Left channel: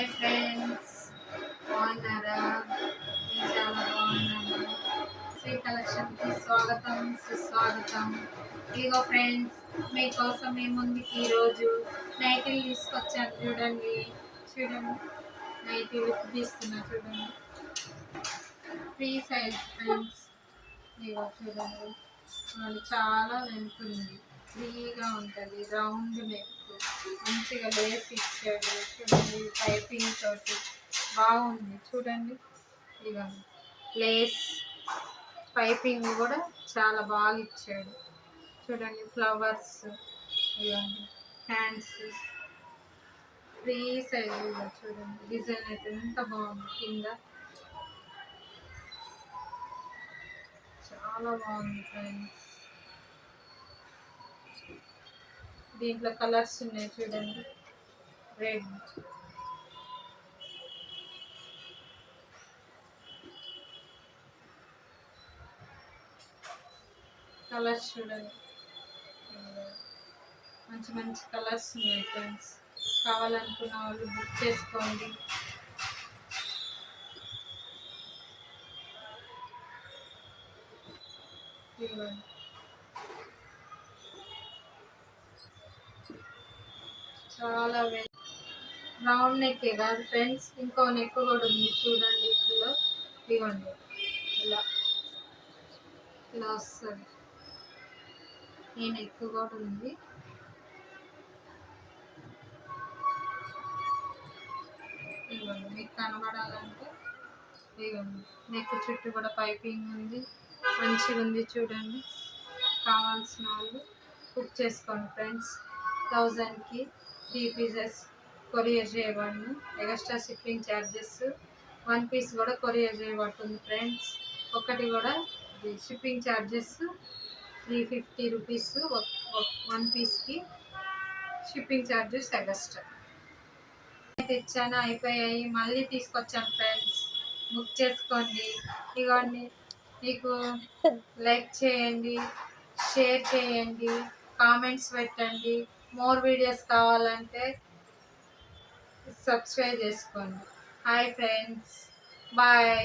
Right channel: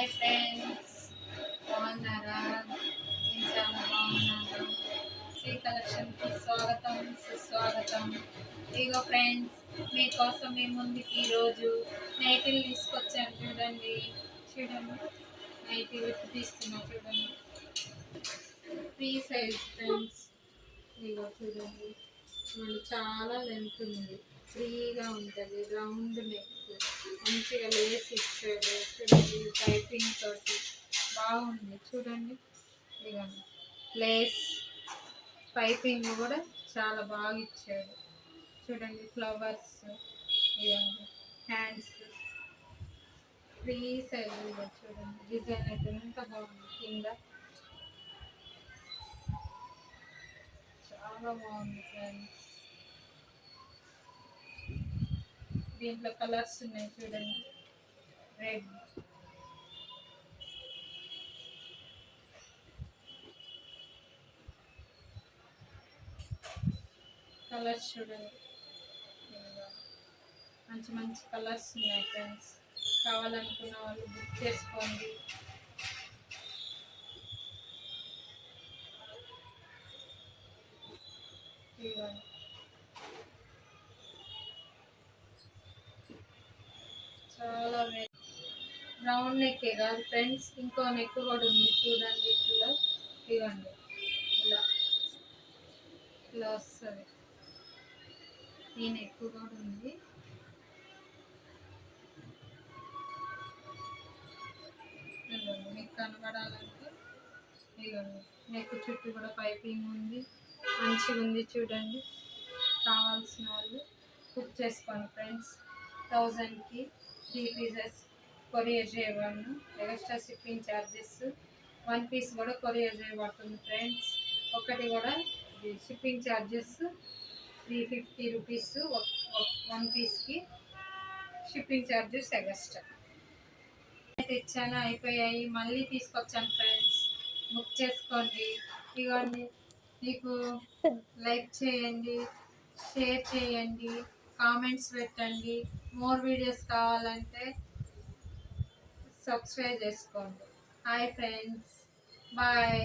Hi friends, బాగున్నారా? నేను చాలా బాగున్నాను. శ్రీ కలెక్షన్కి స్వాగతం సుస్వాగతం. ఇగో ఫ్రెండ్స్, మీకోసం మీ ముందుకి ఈరోజు నైటీలు తీసుకొచ్చాను. చూడండి చూడండి, నైటీ విత్ తీస్తున్నా చూడండి. Free size friends. ఇగో చూడండి చూడండి, చాలా లెంత్ ఉంది, ఫ్రీగా ఉంటుంది, రౌండ్ నెక్, మంచిగా లేస్ ఇచ్చాడు చూడండి, పైపింగ్ తోటి బాగుంది చూడండి. ఇక లేస్ పైపింగ్ కూడా చాలా బాగా ఇచ్చాడు చూడండి. ఫ్లవర్స్ ఇవ్వండి, హ్యాండ్స్ ఫ్రీ సైజ్ చూడండి. డిజైన్ అయితే ఎంత బాగుంది, కింద చాలా బాగుంది ఫ్రెండ్స్. దీంట్లో కలర్స్ ఉన్నాయి చూడండి. రెడ్, కలర్స్ చూడండి, మంచి మంచి కలర్స్ ఉన్నాయి ఫ్రెండ్స్. కావాలనుకున్న వాళ్ళు బుక్ చేసుకోండి. చాలా రౌండ్ నెక్ కాదు ఫ్రెండ్స్, ఇంకో నెక్ కూడా ఉంది చూడండి. ఇట్లా ఇవ్వండి, ఇలా ఇలా వస్తుంది. ఈ నెక్ కూడా ఉంది. ఇవ్వండి, మీకు కనబడాలంటే ఇవ్వండి. నెక్ చుట్టూ కూడా పైపింగ్ ఉంది, మంచిగా ఉంది చూడండి. కావాల్సిన వాళ్ళు బుక్ చేసుకోండి ఫ్రెండ్స్. 1000కి 3 పీసెస్ కొరియర్ చేయబడును. Extra shipping charges. 1 పీస్ కూడా కొరియర్ చేయబడుతుంది ఫ్రెండ్స్. ఒకటి కూడా షిప్పింగ్ ఛార్జెస్ 350 రూపీస్. 1 పీస్కి షిప్పింగ్ ఛార్జెస్ ఎక్స్ట్రా. తెచ్చాను, అయిపోయాయి, మళ్ళీ తీసుకొచ్చాను ఫ్రెండ్స్. బుక్ చేసుకోండి. ఇవన్నీ మీకు లైక్ చేయండి, షేర్ చేయండి, కామెంట్స్ పెట్టండి. మోర్ వీడియోస్ కావాలంటే సబ్స్క్రైబ్ చేసుకోండి. Hi friends, bye.